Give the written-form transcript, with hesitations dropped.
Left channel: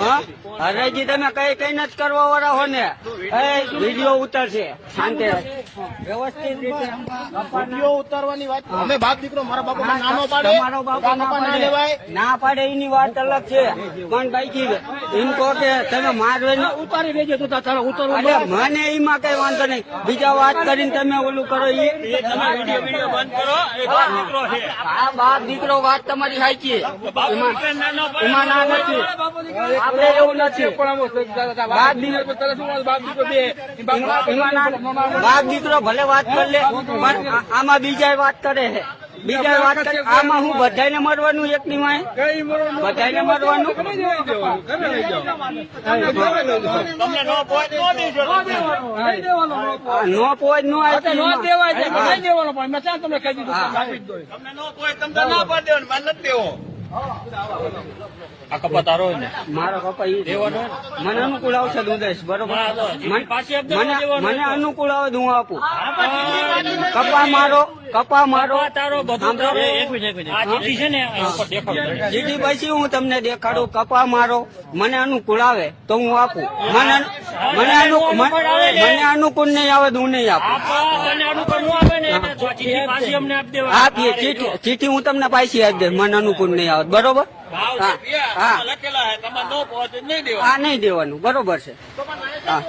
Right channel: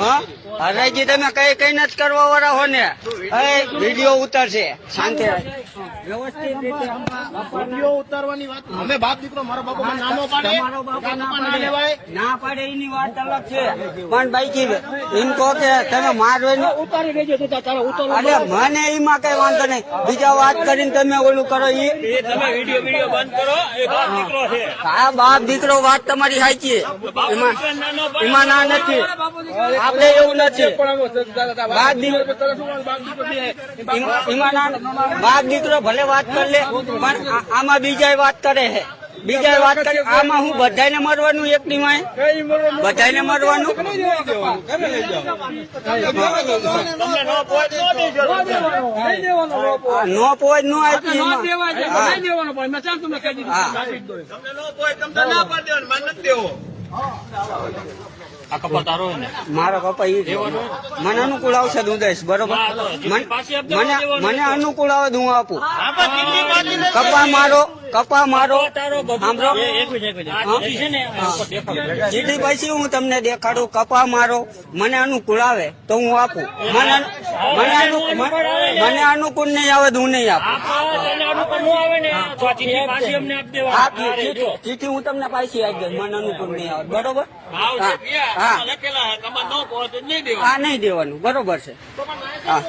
હા હરાજી તમે કઈ કઈ નથી કરવા વાળા હો ને વિડીયો ઉતરશે શાંતિ વિડીયો ઉતારવાની વાત અમે બાપ દીકરો મારા બાપા નાનો પાડે તમારો બાપા ના પાડે એની વાત અલગ છે પણ બાઈકી એમ કહો કે તમે મારવે ઉતારી દેજો તો તારા ઉતારો મને એમાં કઈ વાંધો નહીં બીજા વાત કરીને તમે ઓલું કરો એ તમે વિડીયો બંધ કરો એ બાપ દીકરો છે હા બાપ દીકરો વાત તમારી સાચી એમાં ના નથી આપડે એવું નથી બાપ દીકરો ભલે વાત કરી લે પણ આમાં બીજા વાત કરે છે બીજા વાત કરી આમાં હું બધાને મરવાનું એકની માં બધાને મરવાનું નો પોજ નો આપી મારો કપા ઈ મને અનુકૂળ આવશે હું દઈશ બરોબર મને અનુકૂળ આવે હું આપું કપા મારો સાંભળો સીધી પછી હું તમને દેખાડું કપા મારો મને અનુકૂળ આવે તો હું આપું મને અનુકૂળ નહીં આવે તો હું નહીં આપું ચીઠી હું તમને પાછી આપી દઈશ મને અનુકૂળ નહીં આવે બરોબર હા નહીં દેવાનું બરોબર છે હા